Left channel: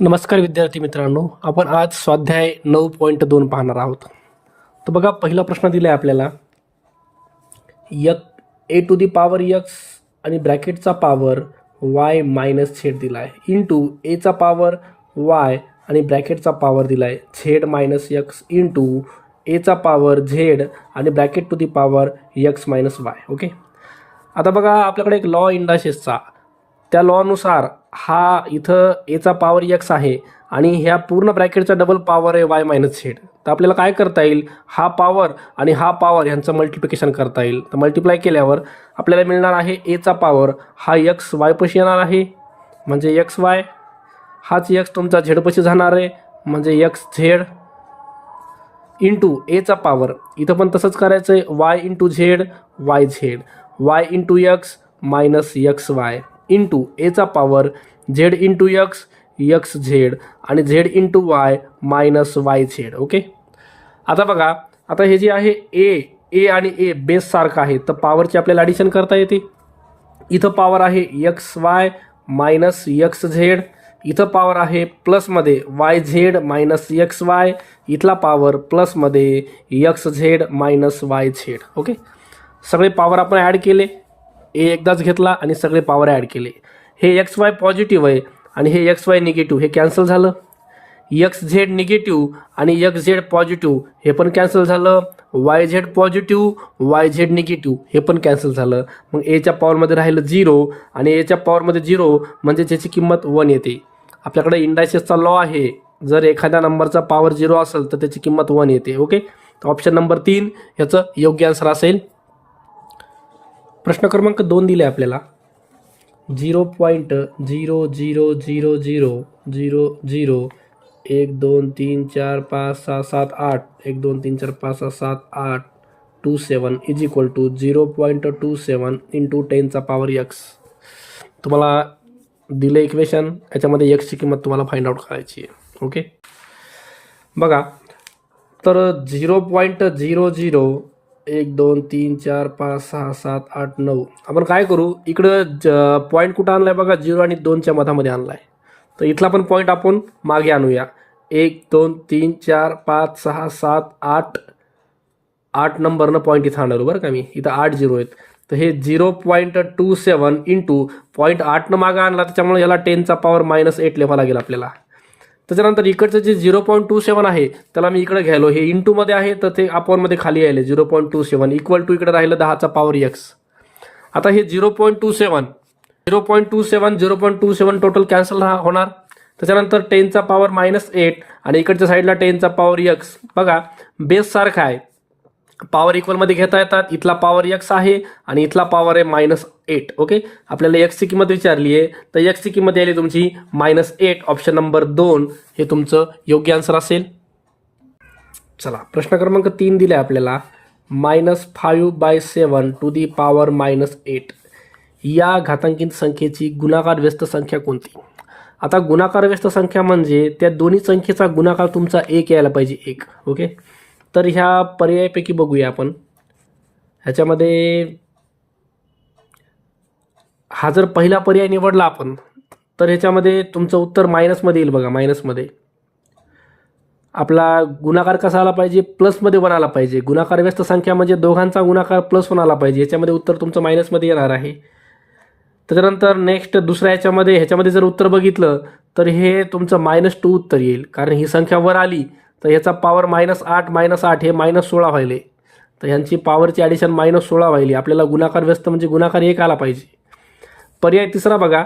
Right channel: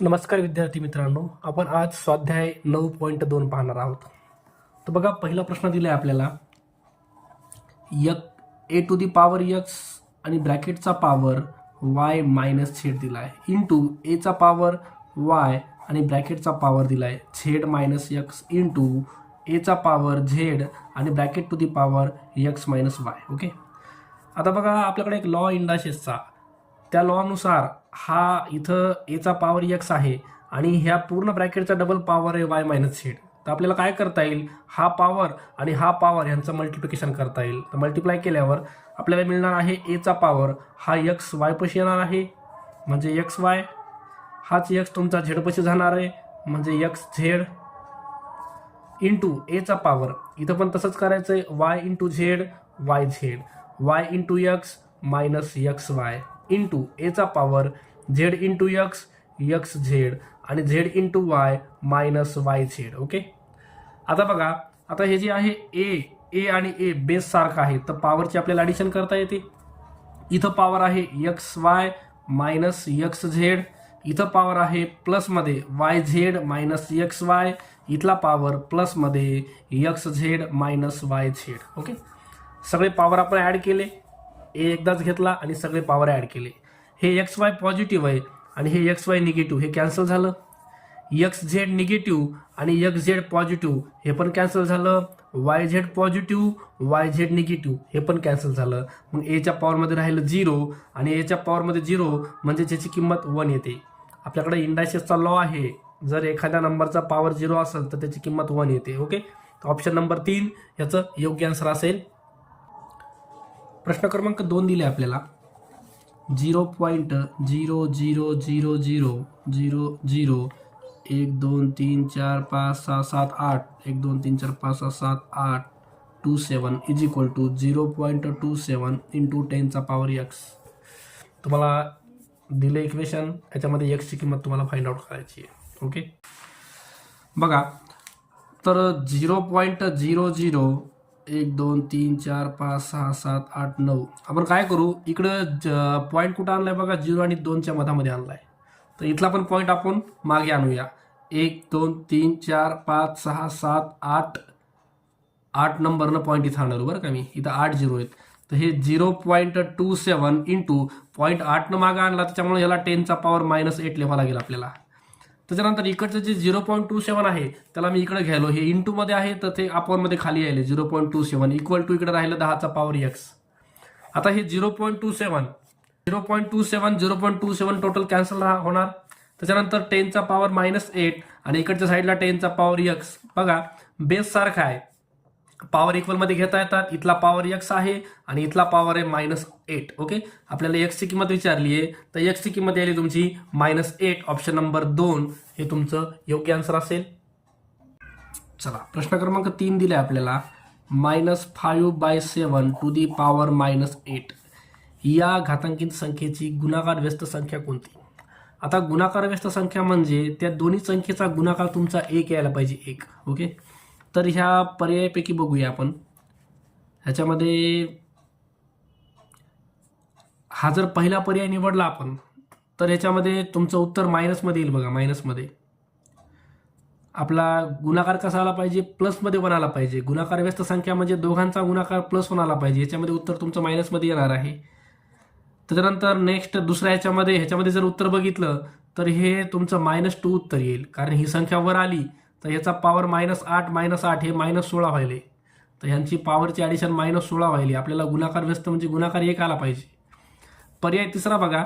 नमस्कार विद्यार्थी मित्रांनो, आपण आज स्वाध्याय 9.2 पाहणार आहोत. तर बघा, पहिला प्रश्न दिला आहे आपल्याला. ए टू दी पॉवर एक्स आणि ब्रॅकेटचा पॉवर वाय मायनस झेड दिला आहे इंटू एचा पॉवर वाय आणि ब्रॅकेटचा पॉवर दिला आहे झेड मायनस एक्स इंटू एचा पॉवर झेड आणि bracket to the power x minus y. Okay, आता बघा, आपल्याकडे एक लॉ इंडायसेसचा, त्या लॉनुसार हा इथं एचा पॉवर एक्स आहे आणि ह्या पूर्ण ब्रॅकेटचा डबल पॉवर आहे वाय मायनस झेड. तर आपल्याला काय करता येईल, हा पॉवर आणि हा पॉवर यांचं मल्टिप्लिकेशन करता येईल. तर मल्टिप्लाय केल्यावर आपल्याला मिळणार आहे एचा पॉवर हा एक्स वायपाशी येणार आहे म्हणजे एक्स वाय, हाच एक्स तुमचा झेडपाशी जाणार आहे म्हणजे एक्स झेड इंटू एचा पॉवर इथं पण तसंच करायचं आहे y into z y z, y into x minus x y into एचा power z into x x z आणि z into y minus y z. Okay, आता बघा, आता हे जे आहे ए आणि ए बेस सारखं आहे तर पॉवरची आपल्याला ॲडिशन करता येते. इथं पॉवर आहे x y minus x z, इथं पॉवर आहे प्लसमध्ये y z minus x y, इथला पॉवर प्लसमध्ये x z minus y z. Okay, सगळे पॉवर आपण ॲड केले, ए एकदाच घेतला आणि सगळे पॉवर ॲड केले. हे एक्स वाय पॉझिटिव्ह आहे आणि हे एक्स वाय निगेटिव्ह, हे कॅन्सल झालं. एक्स झेड निगेटिव्ह आणि एक्स झेड पॉझिटिव्ह हे पण कॅन्सल झालं. Y Z positive Y Z negative हे पण कॅन्सल झालं. मग एच्या पॉवरमध्ये राहिलं 0 आणि एच्या पॉवरमध्ये 0 म्हणजे त्याची किंमत 1 येते. आपल्याकडे इंडायसेसचा लॉ आहे, जर एखाद्या नंबरचा पॉवर 0 असेल तर त्याची किंमत 1 येते. ओके, तर ऑप्शन नंबर 3 ह्याचं योग्य आन्सर असेल. प्रश्न क्रमांक 2 दिले आपल्याला. 0.000000 1 2 3 4 5 6 7 8 1 2 3 4 5 6 7 8 27 इज इक्वल टू 0.27 इंटू 10चा पॉवर एक्स. तुम्हाला दिलं इक्वेशन, याच्यामध्ये एक्सची किंमत तुम्हाला फाइंड आउट करायची आहे. ओके, बघा, तर 0.00 1 2 3 4 5 6 7 8 9 आपण काय करू, इकडं पॉईंट कुठं आणलाय बघा, 0 आणि 2च्या मधामध्ये आणलाय. तर इथला पण पॉईंट आपण मागे आणूया. 1 2 3 4 5 6 7 8 नंबरनं पॉईंट इथं आणलं बरं का मी, इथं 8 0 आहेत. तर हे 0.27 इंटू पॉईंट 8नं मागं आणला त्याच्यामुळे याला 10चा पॉवर मायनस 8 लिहावा लागेल आपल्याला. त्याच्यानंतर इकडचं जे 0.27 आहे त्याला मी इकडे घ्यायलो, हे इंटूमध्ये आहे तर ते अपॉनमध्ये खाली यायले 0.27 इक्वल टू इकडे राहिलं 10चा पॉवर एक्स. आता हे 0.27 टोटल कॅन्सल होणार. त्याच्यानंतर 10चा पॉवर मायनस 8 आणि इकडच्या साईडला 10चा पॉवर एक्स. बघा, बेस सारखा आहे, पॉवर इक्वलमध्ये घेता येतात. इथला पॉवर एक्स आहे आणि इथला पॉवर आहे मायनस 8. ओके, आपल्याला एक्सची किंमत विचारली आहे तर एक्सची किंमत यायली तुमची -8. ऑप्शन नंबर 2 हे तुमचं योग्य आन्सर असेल. चला, प्रश्न क्रमांक 3 दिले आपल्याला. -5/7 टू दी पॉवर -8 या घातांकित संख्येची गुणाकार व्यस्त संख्या कोणती? आता गुणाकार व्यस्त संख्या म्हणजे त्या दोन्ही संख्येचा गुणाकार तुमचा 1 यायला पाहिजे, 1. ओके, तर ह्या पर्यायापैकी बघूया आपण. ह्याच्यामध्ये हा जर पहिला पर्याय निवडला आपण तर ह्याच्यामध्ये तुमचं उत्तर मायनसमध्ये येईल. बघा, मायनसमध्ये आपला गुणाकार कसा आला पाहिजे, प्लसमध्ये बनायला पाहिजे. गुणाकार व्यस्त संख्या म्हणजे दोघांचा गुणाकार प्लस आला पाहिजे. ह्याच्यामध्ये उत्तर तुमचं मायनसमध्ये येणार आहे. त्याच्यानंतर नेक्स्ट दुसऱ्या ह्याच्यामध्ये जर उत्तर बघितलं तर हे तुमचं -2 उत्तर येईल, कारण ही संख्या वर आली तर ह्याचा पॉवर -8 हे -16 व्हायले. तर ह्यांची पॉवरची ॲडिशन -16 व्हायली. आपल्याला गुणाकार व्यस्त म्हणजे गुणाकार 1 आला पाहिजे. पर्याय तिसरा बघा,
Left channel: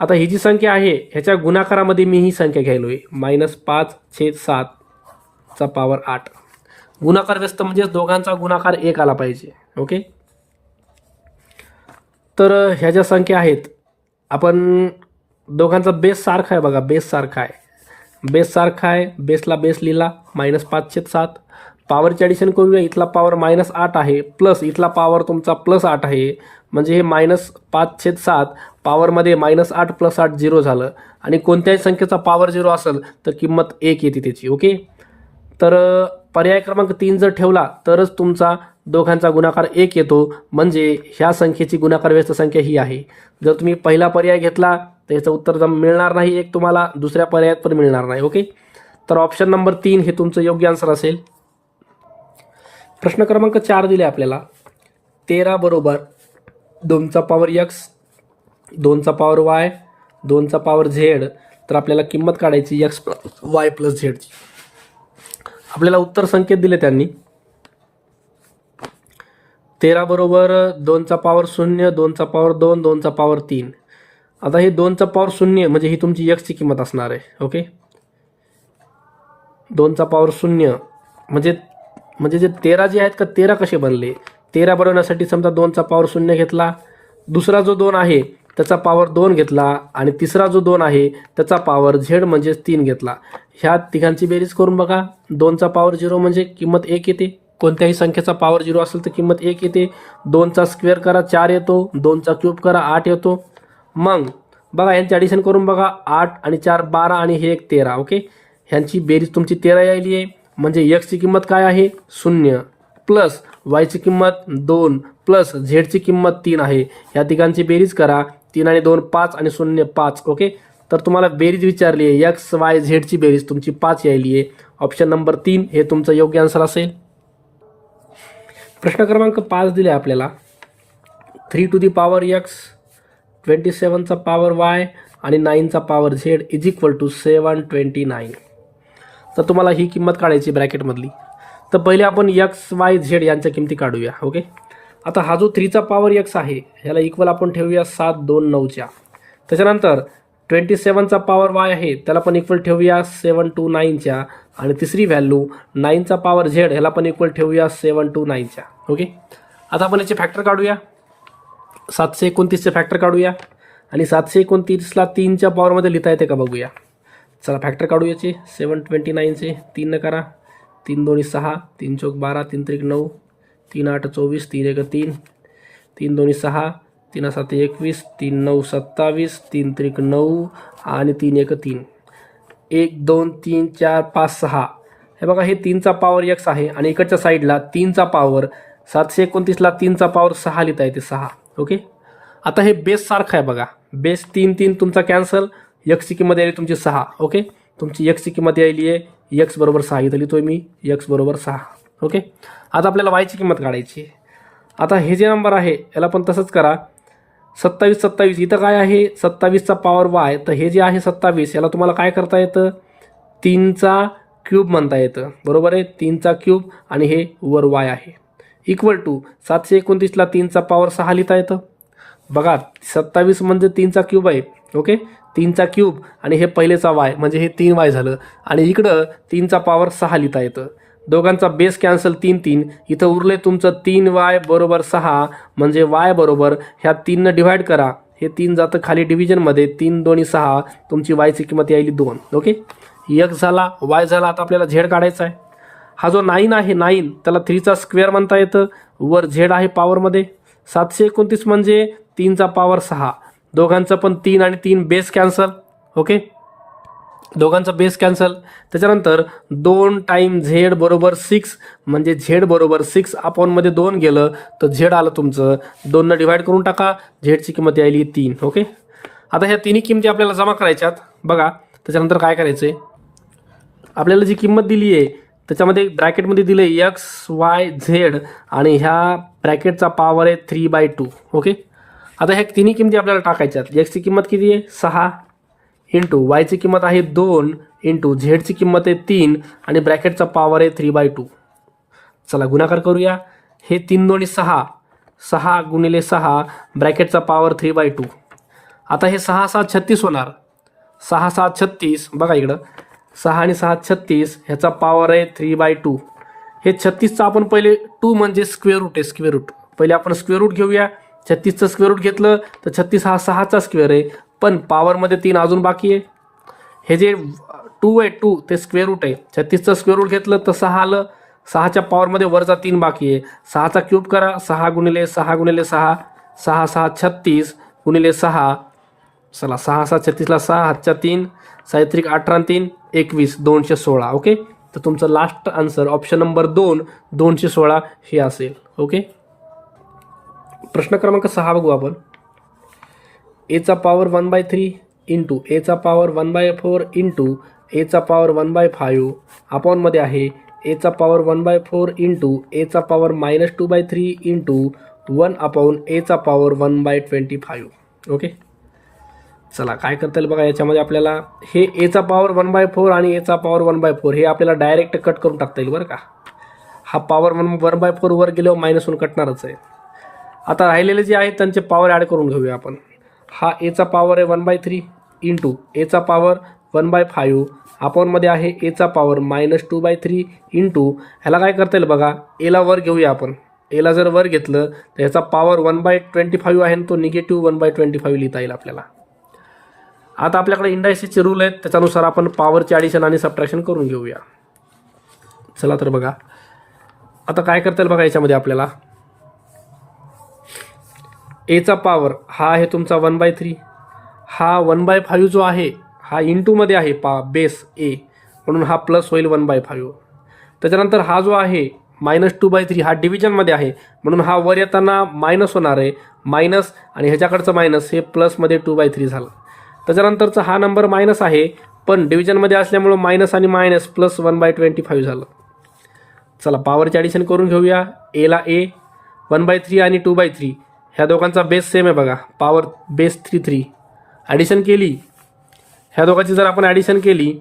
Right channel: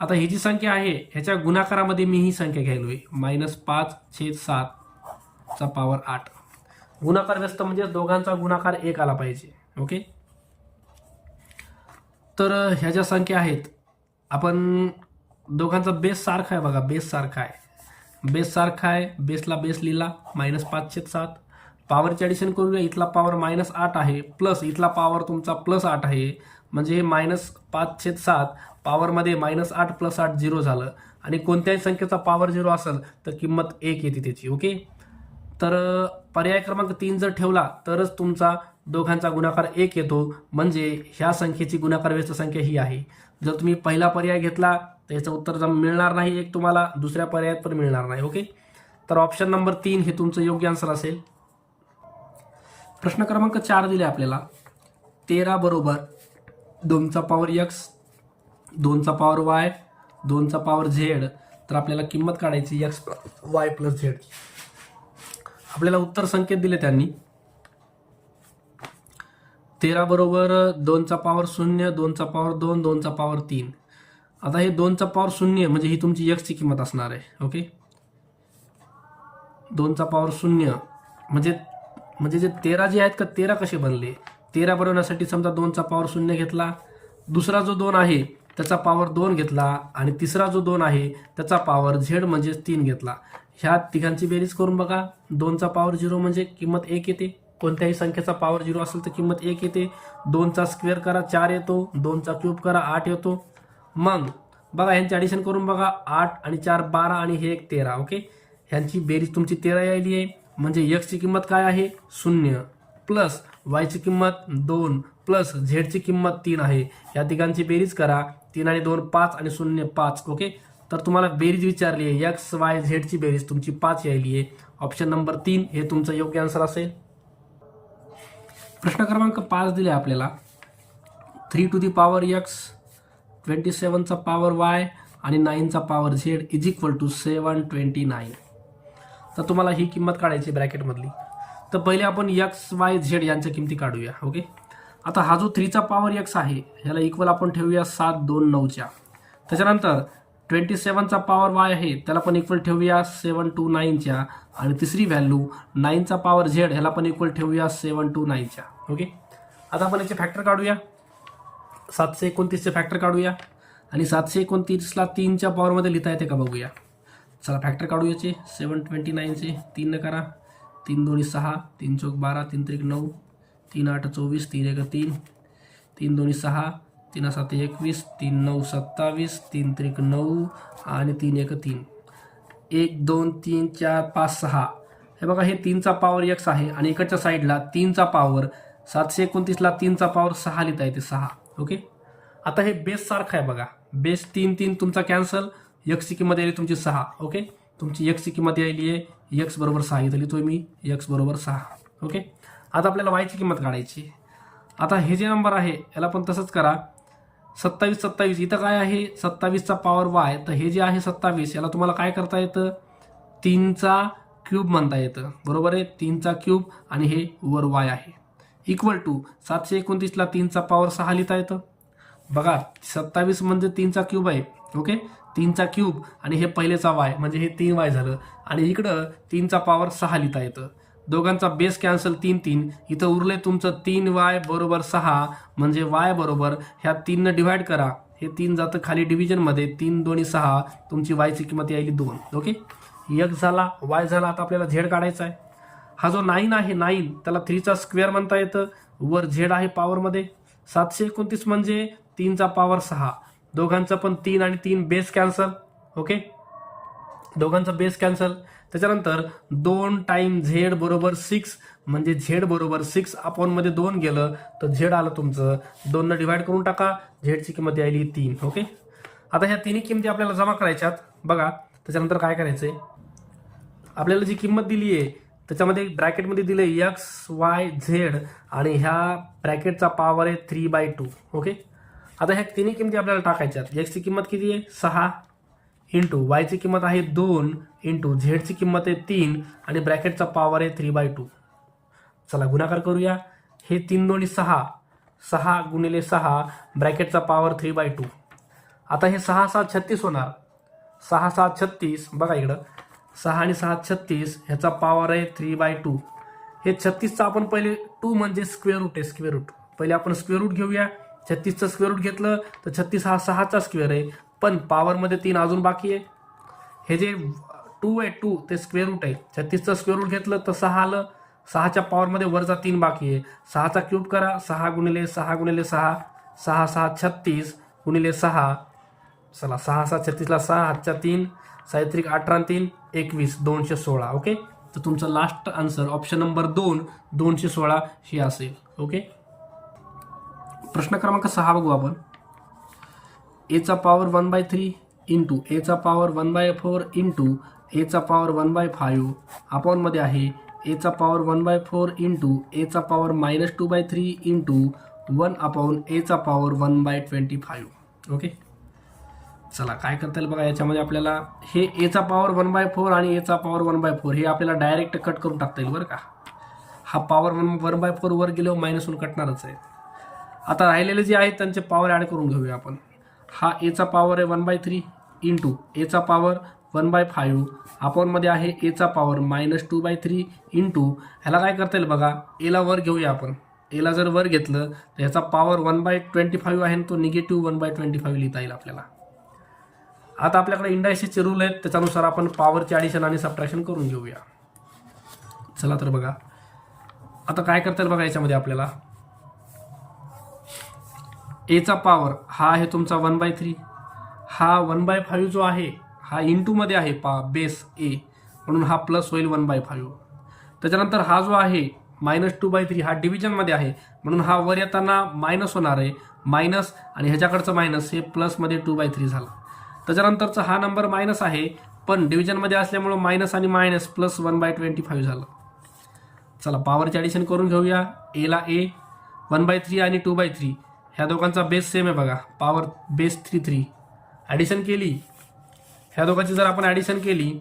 आता ही जी संख्या आहे ह्याच्या गुणाकारामध्ये मी ही संख्या घ्यायलो आहे -5/7चा पॉवर 8. गुणाकार व्यस्त म्हणजे दोघांचा गुणाकार 1 आला पाहिजे. ओके, तर ह्या ज्या संख्या आहेत, आपण दोघांचा बेस सारखा आहे. बघा, बेस सारखा आहे, बेसला बेस लिहिला -5/7. पॉवरची ॲडिशन करूया. इथला पॉवर -8 आहे प्लस इथला पॉवर तुमचा +8 आहे म्हणजे हे -5/7 पॉवरमध्ये -8 + 8 0 झालं. आणि कोणत्याही संख्येचा पॉवर 0 असेल तर किंमत 1 येते त्याची. ओके, तर पर्याय क्रमांक 3 जर ठेवला तरच तुमचा दोघांचा गुणाकार 1 येतो, म्हणजे ह्या संख्येची गुणाकार व्यस्त संख्या ही आहे. जर तुम्ही पहिला पर्याय घेतला तर याचं उत्तर मिळणार नाही, एक तुम्हाला दुसऱ्या पर्यायात पण मिळणार नाही. ओके, तर ऑप्शन नंबर 3 हे तुमचं योग्य आन्सर असेल. प्रश्न क्रमांक 4 दिले आपल्याला. 13 बरोबर 2चा पॉवर x, 2चा पॉवर y, 2चा पॉवर z. तर आपल्याला किंमत काढायची x y प्लस z ची. आपल्याला उत्तर संकेत दिले त्यांनी. 13 बरोबर 2चा पॉवर 0, 2चा पॉवर 2, 2चा पॉवर 3. आता हे 2चा पॉवर 0 म्हणजे ही तुमची x ची किंमत असणार आहे. ओके, 2चा पॉवर 0 म्हणजे जे 13 जे आहेत का 13 कसे बनले. 13 बनवण्यासाठी समजा 2चा पॉवर 0 घेतला, दुसरा जो 2 आहे त्याचा पॉवर 2 घेतला, आणि तिसरा जो 2 आहे त्याचा पॉवर z म्हणजे 3 घेतला. ह्या तिघांची बेरीज करून बघा. 2चा पॉवर 0 म्हणजे किंमत 1 येते. कोणत्याही संख्येचा पॉवर 0 असेल तर किंमत 1 येते. 2चा स्क्वेअर करा 4 येतो, 2चा क्यूब करा 8 येतो. मग बघा यांची ॲडिशन करून बघा. 8 आणि 4 12 आणि हे 1 13. ओके, ह्यांची बेरीज तुमची 13 यायली आहे. म्हणजे x ची किंमत काय आहे 0, प्लस y ची किंमत 2, प्लस z ची किंमत 3 आहे. ह्या तिघांची बेरीज करा. 3 आणि 2 5 आणि 0 5. ओके, तर तुम्हाला बेरीज विचारली आहे, x y z ची बेरीज तुमची 5 यायली आहे. ऑप्शन नंबर 3 हे तुमचं योग्य आन्सर असेल. प्रश्न क्रमांक 5 दिले आपल्याला. 3 टू दी पॉवर x, 27चा पॉवर y आणि 9चा power z is equal to 729. तर तुम्हाला ही किंमत काढायची ब्रॅकेटमधली. तर पहिले आपण x y z यांच्या किमती काढूया. ओके, आता हा जो 3चा पॉवर x आहे ह्याला इक्वल आपण ठेवूया 7 2 9च्या. त्याच्यानंतर 27चा पॉवर y आहे त्याला पण इक्वल ठेवूया 729च्या. आणि तिसरी व्हॅल्यू 9चा पॉवर z ह्याला पण इक्वल ठेवूया 729च्या. ओके, आता आपण याचे फॅक्टर काढूया. 729चे फॅक्टर काढूया, आणि 729ला 3च्या पॉवरमध्ये लिहिता येते का बघूया. चला फॅक्टर काढू याचे. 729चे 3 न करा, 3 2 6, 3 चौक 12, 3 त्रिक 9, 3 8 24, 3 1 3, 3 2 6, 3 7 21, 3 9 27, 3 त्रिक 9 आणि 3 1 3. 1 2 3 4 5 6. हे बघा हे 3चा पॉवर x आहे, आणि इकडच्या साईडला 3चा पॉवर 729ला 3चा पॉवर 6 लिहिता येते 6. ओके, आता हे बेस सारखं आहे बघा. बेस 3 3 तुमचा कॅन्सल. x ची किंमत यायली तुमची 6. ओके, तुमची x ची किंमत यायली आहे x बरोबर 6. इथं लिहितोय मी x बरोबर 6. ओके, आता आपल्याला y ची किंमत काढायची. आता हे जे नंबर आहे याला पण तसंच करा. 27 27 इथं काय आहे 27चा पॉवर y. तर हे जे आहे 27 याला तुम्हाला काय करता येतं 3चा क्यूब म्हणता येतं. बरोबर आहे, 3चा क्यूब आणि हे वर y आहे. इक्वल टू 729ला 3चा पॉवर 6 लिहिता येतं. बघा 27 म्हणजे 3चा क्यूब आहे. ओके, 3चा क्यूब आणि हे पहिलेचा y म्हणजे हे 3y झालं, आणि इकडं 3चा पॉवर 6 लिहिता येतं. दोघांचा बेस कॅन्सल 3 3. इथं उरले तुमचं 3y बरोबर 6. म्हणजे y बरोबर ह्या 3नं डिव्हाइड करा. हे 3 जातं खाली डिव्हिजनमध्ये. 3 2 6. तुमची y ची किंमत यायली 2. ओके, x झाला y झाला. आता आपल्याला z काढायचा आहे. हा जो 9 आहे 9 त्याला 3चा स्क्वेअर म्हणता येतं. वर z आहे पॉवरमध्ये. 729 म्हणजे 3चा पॉवर 6. दोघांचं पण 3 आणि 3 बेस कॅन्सल. ओके, दोघांचं बेस कॅन्सल. त्याच्यानंतर 2 टाइम z बरोबर 6. म्हणजे z बरोबर 6 अपॉनमध्ये 2 गेलं तर z आलं तुमचं. 2नं डिव्हाइड करून टाका. z ची किंमत यायली 3. ओके, आता ह्या तिन्ही किमती आपल्याला जमा करायच्यात. बघा त्याच्यानंतर काय करायचं आहे, आपल्याला जी किंमत दिली आहे त्याच्यामध्ये ब्रॅकेटमध्ये दिलं आहे x y z, आणि ह्या ब्रॅकेटचा पॉवर आहे 3/2. ओके, आता ह्या तिन्ही किमती आपल्याला टाकायच्यात. x ची किंमत किती आहे 6, इंटू y ची किंमत आहे 2, इंटू z ची किंमत आहे 3, आणि ब्रॅकेटचा पॉवर आहे 3/2. चला गुणाकार करूया. हे 3 2 6, 6 गुणिले 6, ब्रॅकेटचा पॉवर 3/2. आता हे 6 6 36 होणार. 6 6 36. बघा इकडं 6 आणि 6 36. ह्याचा पॉवर आहे 3/2. हे 36चा आपण पहिले 2 म्हणजे स्क्वेअर रूट आहे. स्क्वेअर रूट पहिले आपण स्क्वेअर रूट घेऊया. 36चं स्क्वेअर रूट घेतलं तर 36 हा 6चा स्क्वेअर आहे, पण पॉवरमध्ये 3 अजून बाकी आहे. हे जे 2 आहे 2 ते स्क्वेअर रूट आहे. 36चं स्क्वेअर रूट घेतलं तर 6 आलं. 6च्या पॉवरमध्ये वरचा 3 बाकी आहे. 6चा क्यूब करा. 6 गुणिले 6 गुणिले 6, 6 6 36 गुणिले 6. चला 6 6 36ला 6 हातच्या 3, 6 3 18 3 21, 216. ओके, तर तुमचं लास्ट आन्सर ऑप्शन नंबर 2 216 हे असेल. ओके. प्रश्न क्रमांक 6 बघू आपण. एचा पॉवर 1/3 इंटू एचा पॉवर 1/4 इंटू एचा पॉवर 1/5 अपॉनमध्ये आहे एचा पॉवर 1/4 इंटू एचा पॉवर -2/3 इंटू 1 अपॉन एचा पॉवर 1/25. ओके. चला काय करता येईल बघा याच्यामध्ये आपल्याला हे एचा पॉवर 1/4 आणि एचा पॉवर 1/4 हे आपल्याला डायरेक्ट कट करून टाकता येईल बरं का. हा पॉवर 1/4 वर गेल्यावर -1 कटणारच आहे. आता राहिलेले जे आहेत त्यांचे पॉवर ॲड करून घेऊया आपण. हा एचा पॉवर आहे 1/3 इंटू एचा पॉवर 1/5 अपॉनमध्ये आहे एचा पॉवर -2/3 इंटू ह्याला काय करता येईल बघा एला वर घेऊया आपण. एला जर वर घेतलं तर ह्याचा पॉवर 1/25 आहे आणि तो निगेटिव्ह 1/25 लिहिता येईल आपल्याला. आता आपल्याकडे इंडायसिसचे रूल आहेत त्याच्यानुसार आपण पॉवरचे ॲडिशन आणि सबट्रॅक्शन करून घेऊया. चला तर बघा आता काय करता येईल बघा याच्यामध्ये आपल्याला एचा पॉवर हा आहे तुमचा 1/3 हा 1/5 जो आहे हा इंटूमध्ये आहे बेस ए म्हणून हा प्लस होईल 1/5. त्याच्यानंतर हा जो आहे -2/3 हा डिव्हिजनमध्ये आहे म्हणून हा वर येताना मायनस होणार आहे मायनस आणि ह्याच्याकडचं मायनस हे प्लसमध्ये 2/3 झालं. त्याच्यानंतरचा हा नंबर मायनस आहे पण डिव्हिजनमध्ये असल्यामुळं मायनस आणि मायनस प्लस 1/25 झालं. चला पॉवरचे ॲडिशन करून घेऊया. एला ए 1/3 आणि 2/3 ह्या दोघांचा बेस सेम आहे बघा पॉवर बेस 3 ॲडिशन केली. ह्या दोघांची जर आपण ॲडिशन केली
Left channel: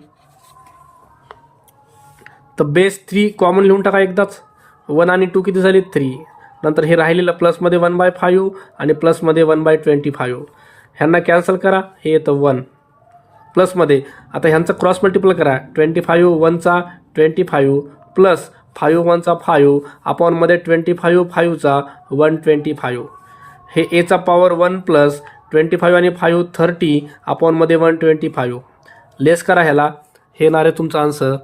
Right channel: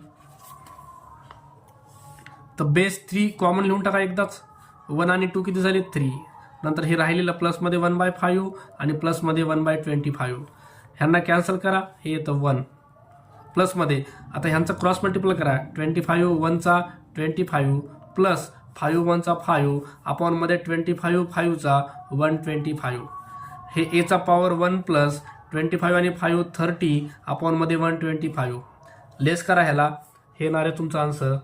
तर बेस 3 कॉमन लिहून टाका एकदाच. 1 आणि 2 किती झाली 3. नंतर हे राहिलेलं प्लसमध्ये 1/5 आणि प्लसमध्ये 1/25 ह्यांना कॅन्सल करा हे येतं 1 प्लसमध्ये. आता ह्यांचं क्रॉस मल्टिपल करा 25 1चा 25 प्लस 5 1चा 5 अपॉनमध्ये 25 5चा 125 हे एचा पॉवर 1 प्लस 25 आणि 5 30 अपॉनमध्ये 125 लेस करा ह्याला हे येणार आहे तुमचा आन्सर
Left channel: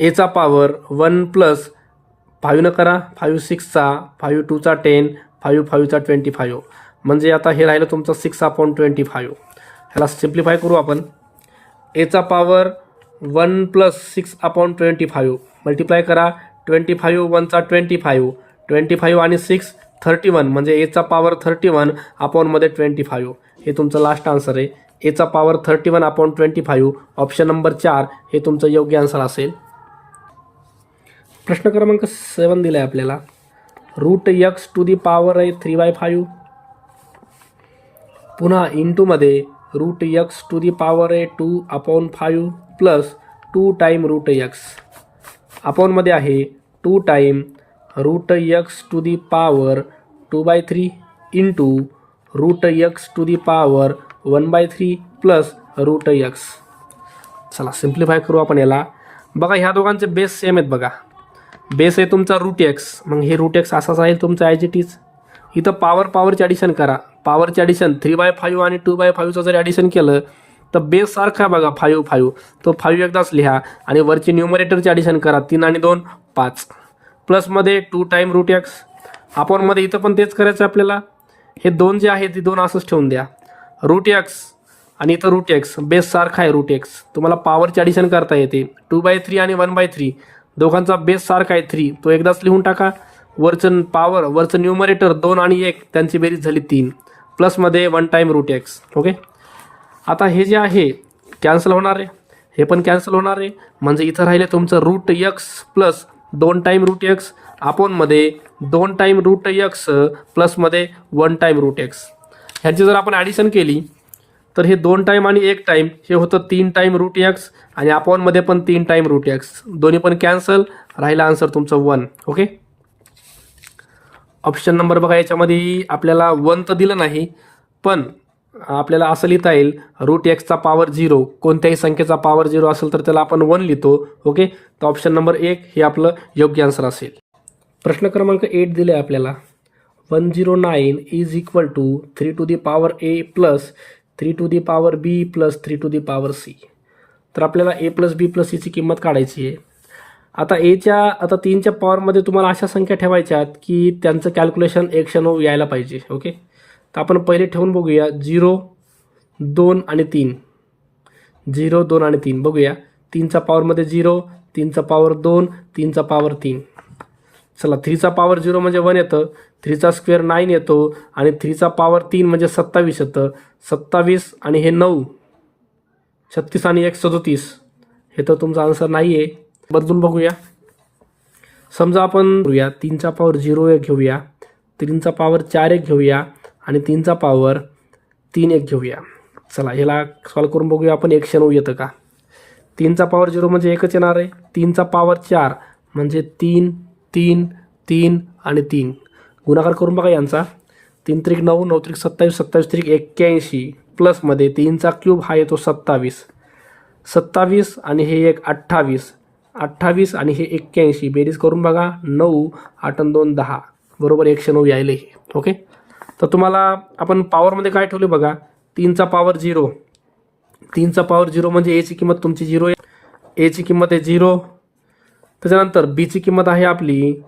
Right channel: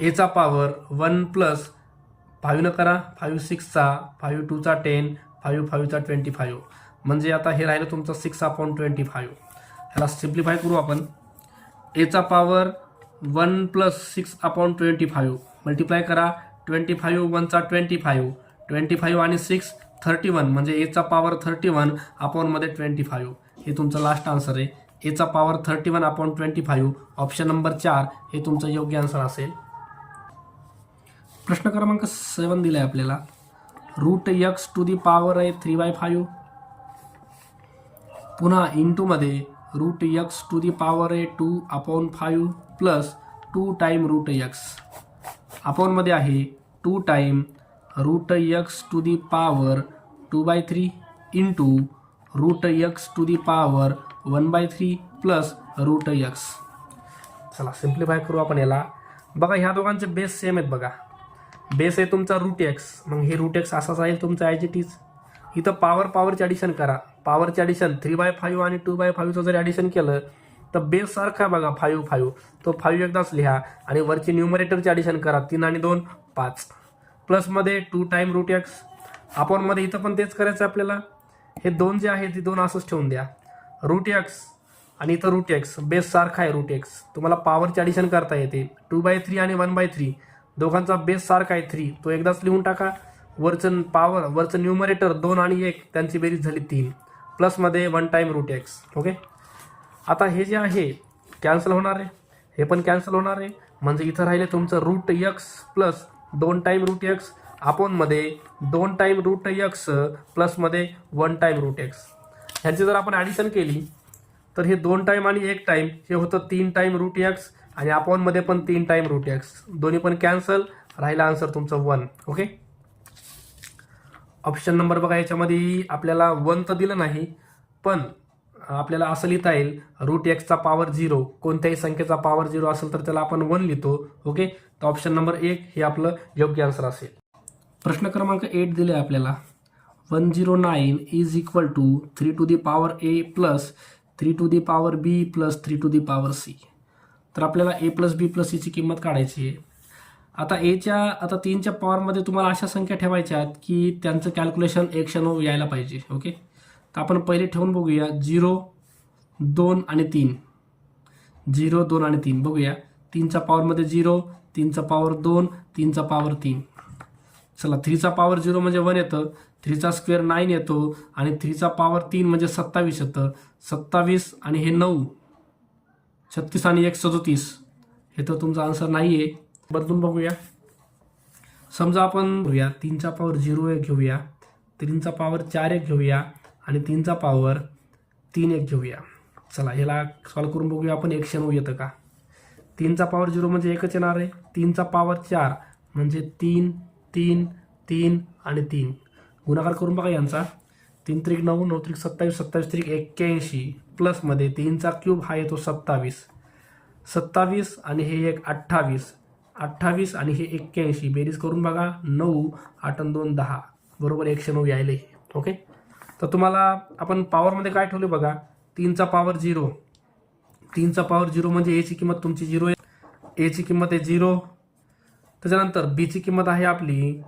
एचा पॉवर 1 प्लस 5 न करा 5 6चा 5 2चा 10 5 5चा 25 म्हणजे आता हे राहिलं तुमचं 6/25. ह्याला सिम्प्लिफाय करू आपण. एचा पॉवर 1 प्लस 6/25 मल्टिप्लाय करा 25 1चा 25 आणि 6 31 म्हणजे एचा पॉवर 31 अपॉनमध्ये 25 हे तुमचं लास्ट आन्सर आहे. एचा पॉवर 31/25 ऑप्शन नंबर 4 हे तुमचं योग्य आन्सर असेल. प्रश्न क्रमांक 7 दिला आहे आपल्याला. √x⁵ आहे 3/5 पुन्हा इंटूमध्ये √x⁵ आहे 2/5 प्लस 2 टाईम √x अपॉनमध्ये आहे 2 time √x⁵ 2/3 into √x⁵ 1/3 plus √x. चला सिम्प्लिफाय करू आपण याला. बघा ह्या दोघांचे बेस सेम आहेत बघा. बेस आहे तुमचा √x मग हे √x असाच आहे तुमचा ॲज इट इज. इथं पॉवरचे ॲडिशन करा. पॉवरचे ॲडिशन 3/5 आणि 2/5चं जर ॲडिशन केलं तर बेस सारखा बघा 5 तो 5 एकदाच लिहा आणि वरची न्यूमरेटरचे ॲडिशन करा 3 आणि 2 5 प्लसमध्ये 2 टाईम √x अपॉनमध्ये इथं पण तेच करायचं आपल्याला. हे 2 जे आहे ते 2 असंच ठेवून द्या. √x आणि इथं √x बेस सारखा आहे √x तुम्हाला पॉवरचे ॲडिशन करता येते 2/3 आणि 1/3 दोघांचा बेस सारखा आहे 3 तो एकदाच लिहून टाका. वरचं न्यूमरेटर 2 आणि 1 त्यांची बेरीज झाली 3 प्लसमध्ये 1 टाईम √x. ओके. आता हे जे आहे कॅन्सल होणार आहे हे पण कॅन्सल होणार आहे म्हणजे इथं राहिले तुमचं √x plus 2 time √x अपॉनमध्ये 2 time √x प्लसमध्ये 1 time √x. ह्याची जर आपण ॲडिशन केली तर हे 2 टाईम आणि 1 टाईम हे होतं 3 टाईम √x आणि अपॉनमध्ये पण 3 टाईम √x दोन्ही पण कॅन्सल राहिला आन्सर तुमचं 1. ओके. ऑप्शन नंबर बघा याच्यामध्ये आपल्याला 1 तर दिलं नाही पण आपल्याला असं लिहिता येईल √x पॉवर 0 कोणत्याही संख्येचा पॉवर 0 असेल तर त्याला आपण 1 लिहितो. ओके. तर ऑप्शन नंबर 1 हे आपलं योग्य आन्सर असेल. प्रश्न क्रमांक 8 दिले आहे आपल्याला. 109 is equal to 3⁴ plus 3⁵ plus 3⁵ तर आपल्याला a plus b plus c ची किंमत काढायची आहे. आता आता 3च्या पॉवरमध्ये तुम्हाला अशा संख्या ठेवायच्या आहेत की त्यांचं कॅल्क्युलेशन एक क्षण यायला पाहिजे. ओके. तर आपण पहिले ठेवून बघूया 0 2 आणि 3 0 2 आणि 3 बघूया 3चा पॉवरमध्ये 0, 3चा पॉवर 2, 3चा पॉवर 3. चला 3चा पॉवर 0 म्हणजे 1 येतं, 3चा स्क्वेअर 9 येतो आणि 3चा पॉवर 3 म्हणजे 27 येतं. 27 आणि हे 9, 36 आणि 1 37. हे तर तुमचा आन्सर नाही आहे. बदलून बघूया. समजा आपण करूया 3चा पॉवर 0 एक घेऊया, 3चा पॉवर 4 एक घेऊया आणि 3चा पॉवर 3 एक घेऊया. चला ह्याला सॉल्व करून बघूया आपण 109 येतं का. 3चा पॉवर 0 म्हणजे एकच येणार आहे. 3चा पॉवर 4 म्हणजे 3 3 3 आणि 3. गुणाकार करून बघा यांचा. 3 त्रिक 9, 9 त्रिक 27, 27 त्रिक 81 प्लसमध्ये 3चा क्यूब हा येतो 27, 27 आणि हे एक 28, 28 आणि हे 81. बेरीज करून बघा. 9 8 आणि 2 10 बरोबर 109 यायले हे. ओके. तर तुम्हाला आपण पॉवरमध्ये काय ठेवले बघा. 3चा पॉवर 0, 3चा पॉवर 0 म्हणजे एची किंमत तुमची 0 आहे. एची किंमत आहे 0. त्याच्यानंतर बीची किंमत आहे आपली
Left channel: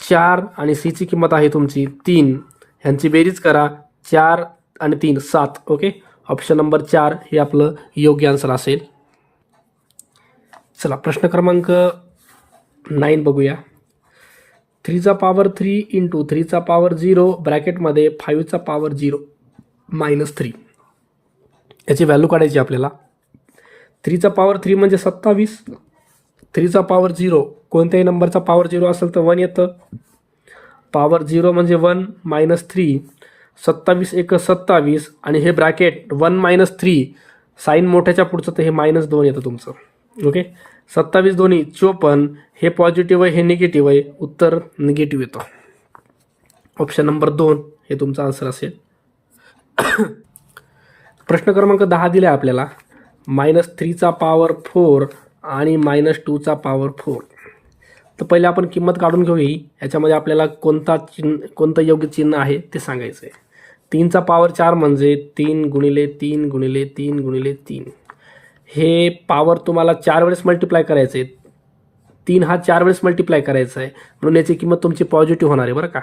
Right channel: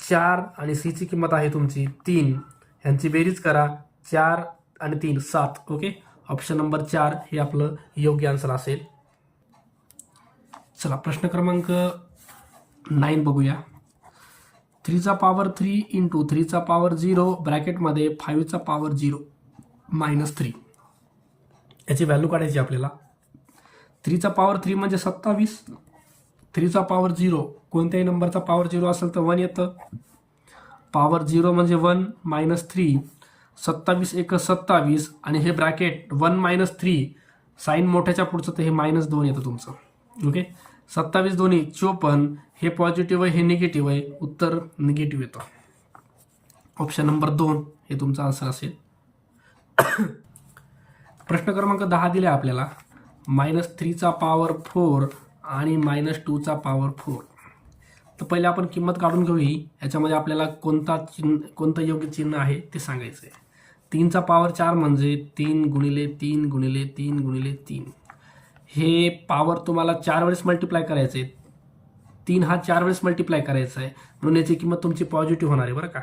4 आणि सीची किंमत आहे तुमची 3. ह्यांची बेरीज करा. 4 आणि 3 7. ओके. ऑप्शन नंबर 4 हे आपलं योग्य आन्सर असेल. चला प्रश्न क्रमांक 9 बघूया. 3चा पॉवर 3 इंटू 3चा पॉवर 0 ब्रॅकेटमध्ये 5चा पॉवर 0 -3 याची व्हॅल्यू काढायची आपल्याला. 3चा पॉवर 3 म्हणजे 27, 3चा पॉवर 0 कोणत्याही नंबरचा पॉवर 0 असेल तर 1 येतं. पॉवर 0 म्हणजे 1 -3, 27 एक 27 आणि हे ब्रॅकेट 1 - 3 साईन मोठ्याच्या पुढचं तर हे -2 येतं तुमचं. ओके. 27 दोन्ही 54. हे पॉझिटिव्ह आहे, हे निगेटिव्ह आहे. उत्तर निगेटिव्ह येतं. ऑप्शन नंबर 2 हे तुमचा आन्सर असेल. प्रश्न क्रमांक 10 दिला आहे आपल्याला. -3चा पॉवर 4 आणि -2चा पॉवर 4. तर पहिले आपण किंमत काढून घेऊया. याच्यामध्ये आपल्याला कोणतं योग्य चिन्ह आहे ते सांगायचं आहे. 3चा पॉवर 4 म्हणजे 3 गुणिले 3 गुणिले 3 गुणिले 3. हे पॉवर तुम्हाला 4 वेळेस मल्टिप्लाय करायचं आहे. 3 हा 4 वेळेस मल्टिप्लाय करायचा आहे म्हणून याची किंमत तुमची पॉझिटिव्ह होणार आहे बरं का.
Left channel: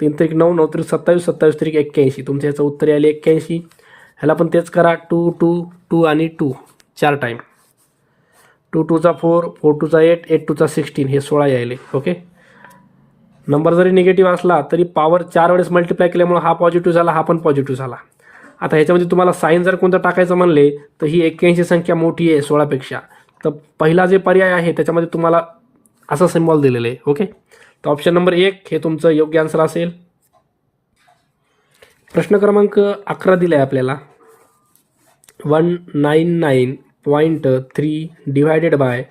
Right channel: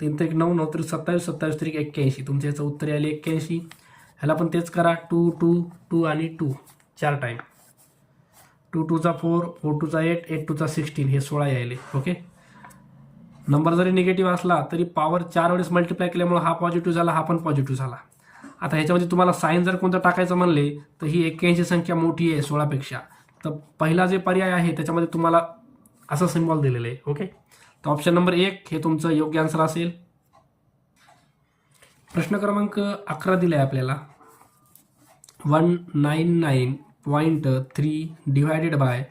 3 त्रिक 9, 9 त्रिक 27, 27 त्रिक 81. तुमच्या याचं उत्तर आले 81. ह्याला पण तेच करा. 2 2 2 आणि 2 4 टाईम. 2 2चा 4, 4 2चा 8, 8 2चा 16 हे 16 यायले. ओके. नंबर जरी निगेटिव्ह असला तरी पॉवर 4 वेळेस मल्टिप्लाय केल्यामुळे हा पॉझिटिव्ह झाला, हा पण पॉझिटिव्ह झाला. आता ह्याच्यामध्ये तुम्हाला साईन जर कोणतं टाकायचं म्हणले तर ही 81 संख्या मोठी आहे 16पेक्षा. तर पहिला जे पर्याय आहे त्याच्यामध्ये तुम्हाला असं सिम्बॉल दिलेलं आहे. ओके. तर ऑप्शन नंबर 1 हे तुमचं योग्य आन्सर असेल. प्रश्न क्रमांक 11 दिला आहे आपल्याला. 199.3 divided by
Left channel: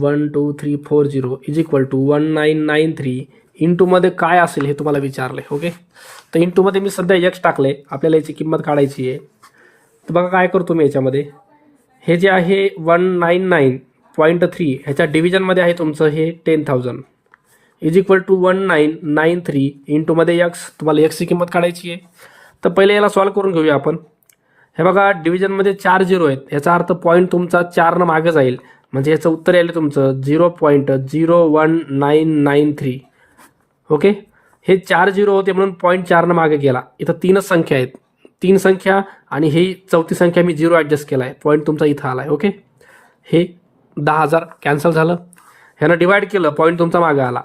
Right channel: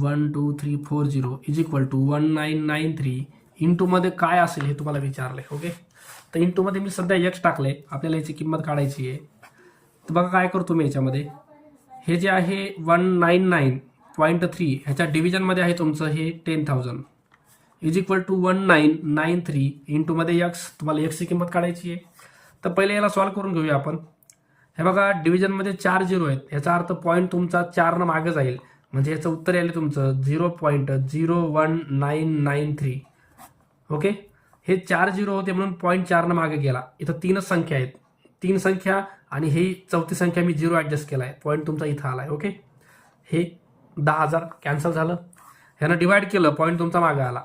12340 is equal to 1993 इंटूमध्ये काय असेल हे तुम्हाला विचारले. ओके. तर इंटूमध्ये मी सध्या एक्स टाकले. आपल्याला याची किंमत काढायची आहे. तर बघा काय करतो मी याच्यामध्ये. हे जे आहे 199.3 ह्याच्या डिव्हिजनमध्ये आहे तुमचं हे 10,000 इज इक्वल टू 1993 इंटूमध्ये एक्स. तुम्हाला एक्सची किंमत काढायची आहे. तर पहिले याला सॉल्व करून घेऊया आपण. हे बघा डिव्हिजनमध्ये 4 0 आहेत. याचा अर्थ पॉईंट तुमचा 4 मागे जाईल म्हणजे याचं उत्तर यायला तुमचं 0.01993. ओके. हे 4 0 होते म्हणून पॉईंट 4 मागे गेला. इथं 3च संख्या आहेत. 3 संख्या आणि ही चौथी संख्या मी 0 ॲडजस्ट केला आहे. पॉईंट तुमचा इथं आला आहे. ओके. हे 10,000 कॅन्सल झालं. ह्यानं डिवाइड केलं, पॉईंट तुमचा मागे आला.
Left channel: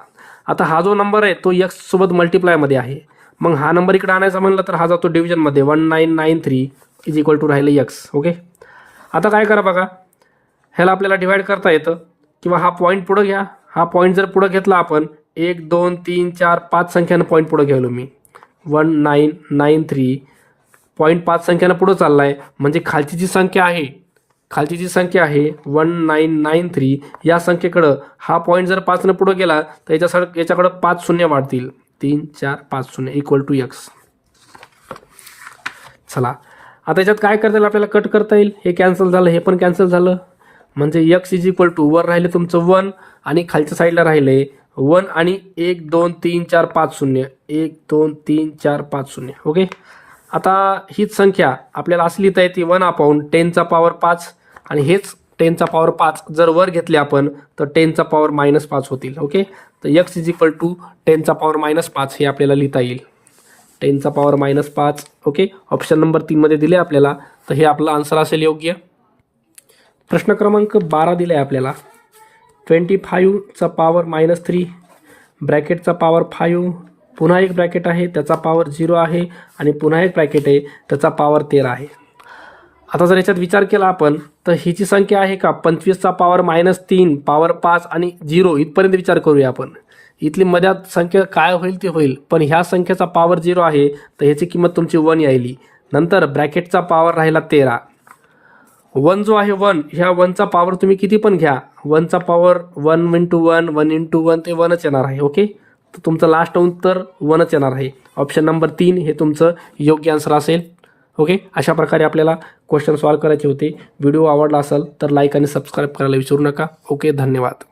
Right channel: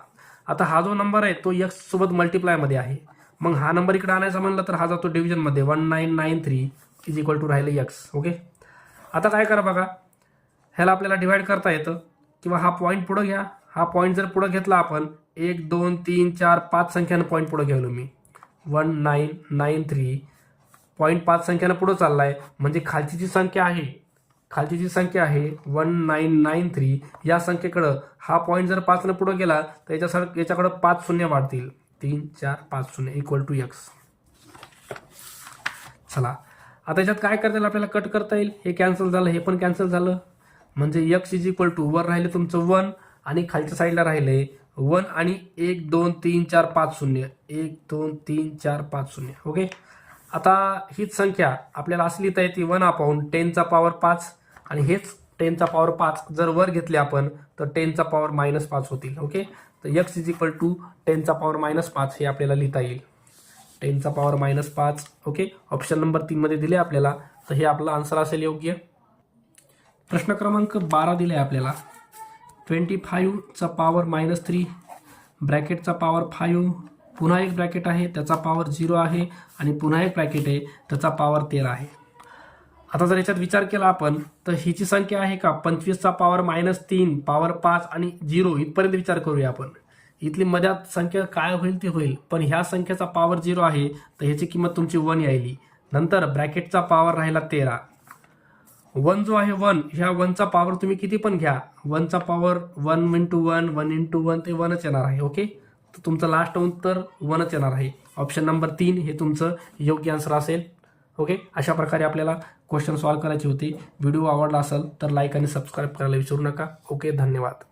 आता हा जो नंबर आहे तो एक्स सोबत मल्टिप्लायमध्ये आहे. मग हा नंबर इकडे आणायचा म्हणलं तर हा जातो डिव्हिजनमध्ये. 1993 इज इक्वल टू राहिलं एक्स. ओके. आता काय करा बघा. ह्याला आपल्याला डिवाइड करता येतं किंवा हा पॉईंट पुढं घ्या. हा पॉईंट जर पुढं घेतला आपण 1 2 3 4 5 संख्यानं पॉईंट पुढं घ्यालो मी. 1993 पॉईंट 5 संख्यानं पुढं चालला आहे म्हणजे खालची जी संख्या आहे 1993 या संख्येकडं हा पॉईंट जर 5 पुढं गेला तर याच्याकडं 5 शून्य वाढतील. 3 4 5 0 इक्वल टू एक्स. चला आता याच्यात काय करता येईल आपल्याला. कट करता येईल. हे कॅन्सल झालं, हे पण कॅन्सल झालं म्हणजे एक्स इज इक्वल टू वर राहिले तुमचं 1 आणि खालच्या साईडला राहिले 1 आणि 1 2 3 4 5 0 1 2 3 4 5 0. ओके. आता हीच संख्या आपल्याला असं लिहिता येते 1/10चा पॉवर 5 आणि हेच 10चा पॉवर 5 जर वर घेतले आपण तर 10चा पॉवर -5 होतील. ओके. तर एक्स इज इक्वल टू 10चा पॉवर -5 हे आपल्याला लिहिता येईल. 10चा पॉवर -5. ओके. ऑप्शन नंबर 3 मध्ये दिले आपल्याला. तर हे आपलं आन्सर असेल योग्य. प्रश्न क्रमांक 12 दिला आहे आपल्याला. 25चा पॉवर -3 ब्रॅकेटचा पॉवर 5, पुन्हा एक ब्रॅकेट आहे त्याचा पॉवर 0 आहे आणि पुन्हा एक ब्रॅकेट आहे त्याचा पॉवर 13 आहे. आता जर याच्यात विचार केला आपण तर हिची संख्या आहे का 25चा पॉवर -3 पॉवर 5 आणि 0 इथपर्यंत विचार करूया आपण. इथली मध्यात संख्या काय होईल ती होईल, पण ह्या संख्येचा पॉवर 0 आहे तर ह्याची किंमत तुमची 1 यायली. नंतर ब्रॅकेटचा पॉवर राहिला 13. 1 जो आहे 1, ह्या 1चा पॉवर तुम्ही किती पण घ्या, 1चा पॉवर 1 × 1 1 × 1 ते 1च येणार आहे. ओके, तर तुमचं लास्ट उत्तर 1च येणार आहे. ऑप्शन नंबर 3 हे तुमचं योग्य आन्सर असेल. ओके, अशा प्रकारे आपल्याला क्वेश्चन सॉल्व्ह करायचे होते. व्हिडिओ आवडला असेल तर लाईक आणि सबस्क्राईब करायला विसरू नका. ओके, धन्यवाद.